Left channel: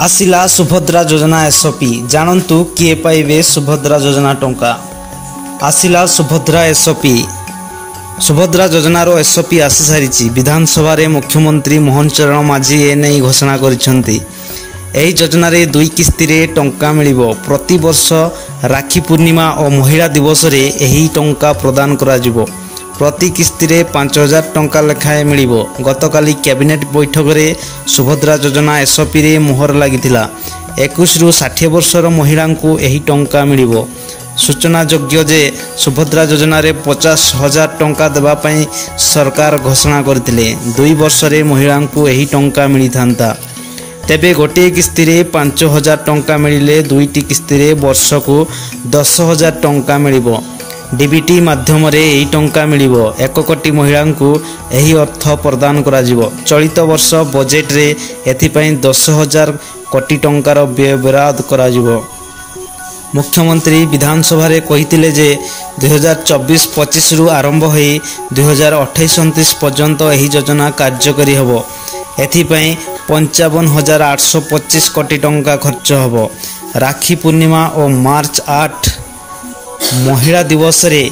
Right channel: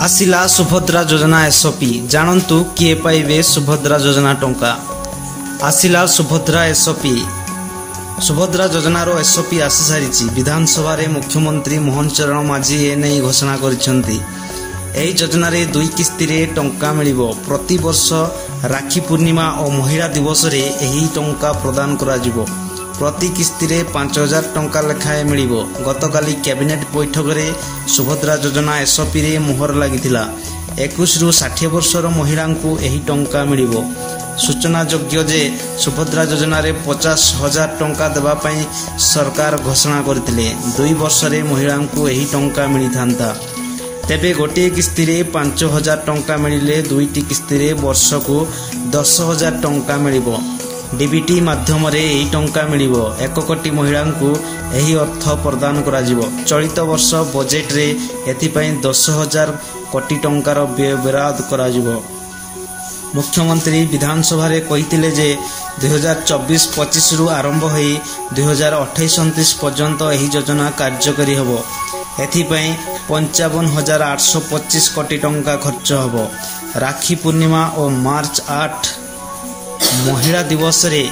आसिला सुभद्रा योजना एसओपी जानतु किए पाइबे सुभद्रा योजना टंका। आसिला सुभद्रा एसओपी सुभद्रा योजनार एसओपी आसी सारी विधानसभा रे मुख्यमंत्री मोहन चरण माझी एने घोषणा करिसेंती। एही योजना रे 2 किस्ती रे टंका मिलिबो। प्रति वर्ष राखी पूर्णिमा और महिला दिवस रे एही टंका प्रदान करा जिवो। प्रति किस्ती रे 5000 टंका लेखाए मिलिबो। गतकाली कैबिनेट बैठक रे सुभद्रा योजना एसओपी रे मोहर लागिथिला। 21 रु 60 वर्षर महिला को एही टंका मिलिबो। सूचनायोग्य जे सुभद्रा योजना रे 50,000 टंका देबा पई सरकार घोषणा करथिले। 2 वर्ष रे महिला को एही टंका मिली थांता। तेबे गोटे किस्ती रे 5,000 टंका मिलिले 2टी किस्ती रे वर्ष को 10,000 टंका मिलिबो। डीबीटी माध्यम रे एही टंका मिलिबो। 1 कोटी महिला को एही अर्थ प्रदान करा जिवो। चलित वर्ष बजेट रे एथिपई 10,000 कोटी टंकार व्यय बराद करा जिवो। मुख्यमंत्री विधानसभा रे कहिथिले जे 2024-25 रु आरंभ होई 2028-29 पर्यंत एही योजना कार्यकारी हबो। एथिपई 55,825 कोटी टंका खर्च हबो। राखी पूर्णिमा और मार्च 8 महिला दिवस रे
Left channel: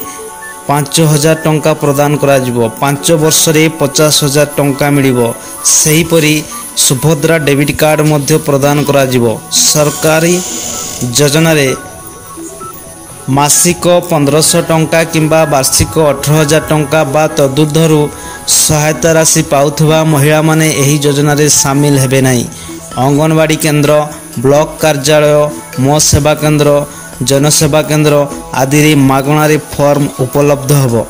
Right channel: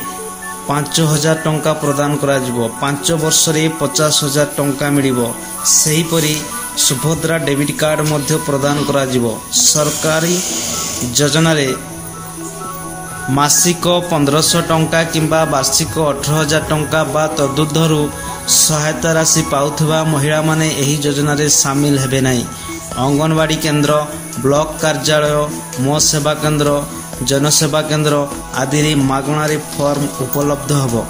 5,000 टंका प्रदान करा जिवो। 5 वर्ष रे 50,000 टंका मिलिबो। सही परी सुभद्रा डेबिट कार्ड मध्य प्रदान करा जिवो। सरकारी योजना रे मासिक 1500 टंका किंबा वार्षिक 18,000 टंका बा तदुर्धरु सहायता राशि पाउथुवा महिला माने एही योजना रे शामिल हेबे नाही। अंगनवाड़ी केंद्र, ब्लॉक कार्यालय, मो सेवा केंद्र, जनसेवा केंद्र आदि रे मागणा रे फॉर्म उपलब्ध हबो।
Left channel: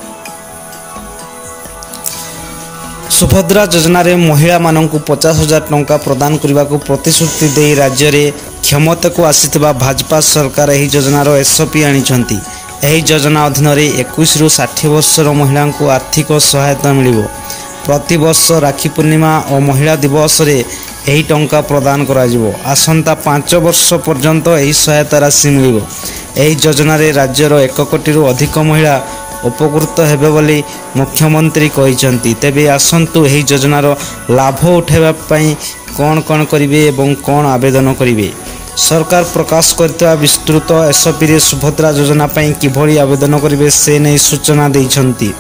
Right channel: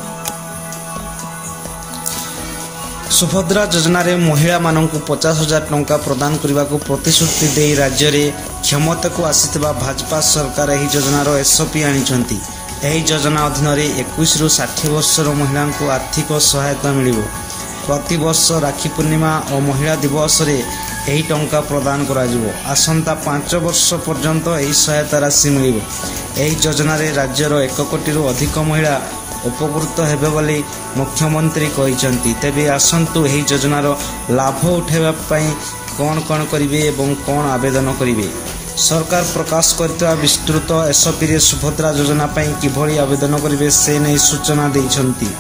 सुभद्रा योजना रे महिला माननकु 50,000 टंका प्रदान करबा को प्रतिश्रुति दे राज्य रे क्षमता को आसीतबा भाजपा सरकार एही योजना रो एसओपी आनिछंती। एही योजना अधीन रे 21 रु 60 वर्षर महिला को आर्थिक सहायता मिलिबो। प्रति वर्ष राखी पूर्णिमा और महिला दिवस रे एही टंका प्रदान करा जिवो। आसंता 5 वर्ष पर्यंत एही सहायता राशि मिलिबो। एही योजना रे राज्यर 1 कोटी रु अधिक महिला उपकृत हेबे बोली मुख्यमंत्री कहिसंती। तेबे आसंतु एही योजनार लाभ उठाइबा पई कोन करिवे एवं कोन आवेदन करिवे। सरकार प्रकाश करता विस्तृत एसओपी रे सुभद्रा योजना पई किभली आवेदन करिवे से नै सूचना दैछंती।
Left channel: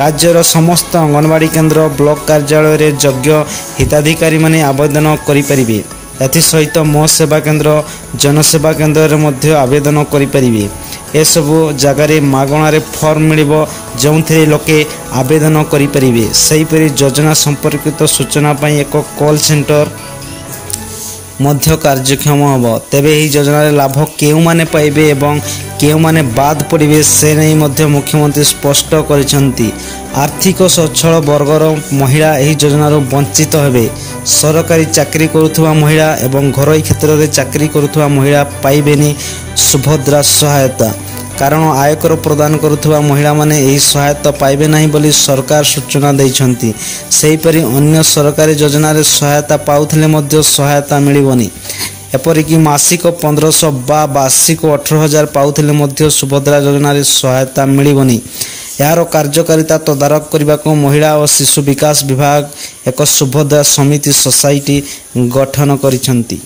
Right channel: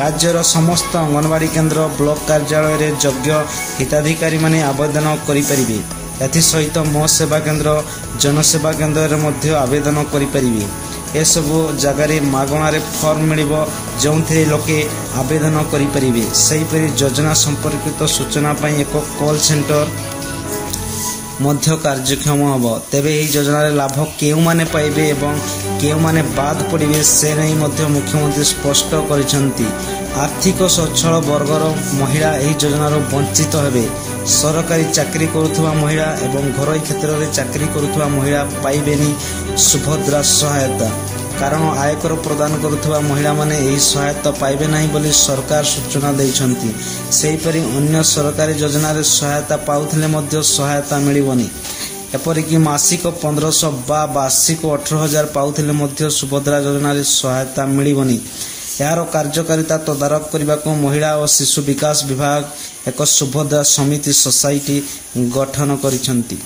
राज्यर समस्त अंगनवाड़ी केंद्र, ब्लॉक कार्यालय रे योग्य हिताधिकारी माने आवेदन करि परिबे। एथि सहित मो सेवा केंद्र, जनसेवा केंद्र रे मध्य आवेदन करि परिबे। ए सबु जगह रे मागणा रे फॉर्म मिलिबो जोंथरे लोके आवेदन करि परिबे। सही परि योजना संपर्कित सूचना पई एक कॉल सेंटर मध्य कार्यक्षम हबो। तेबे एही योजना रे लाभ केउ माने पाइबे एवं केउ माने बाद पड़िबे से नै मध्य मुख्यमंत्री स्पष्ट करिसंती। आर्थिक सच्छल वर्गर महिला एही योजना रो वंचित हेबे। सरकारी चाकरी करुथुवा महिला एवं घरोई क्षेत्र रे चाकरी करुथुवा महिला पाइबेनी सुभद्रा सहायता। कारण आयकर प्रदान करुथुवा महिला माने एही सहायता पाइबे नाही बोली सरकार सूचना दैछंती। सेही परि अन्य सरकारी योजना रे सहायता पाउथले मध्य सहायता मिलिबोनी। एपरिकी मासिक 1500 बा वार्षिक 18,000 पाउथले मध्य सुभद्रा योजना रे सहायता मिलिबोनी। यार कार्यकारिता तदारक करने को महिला और शिशु विकास विभाग एक सुभद्रा समिति सोसाइटी गठन करिसंती।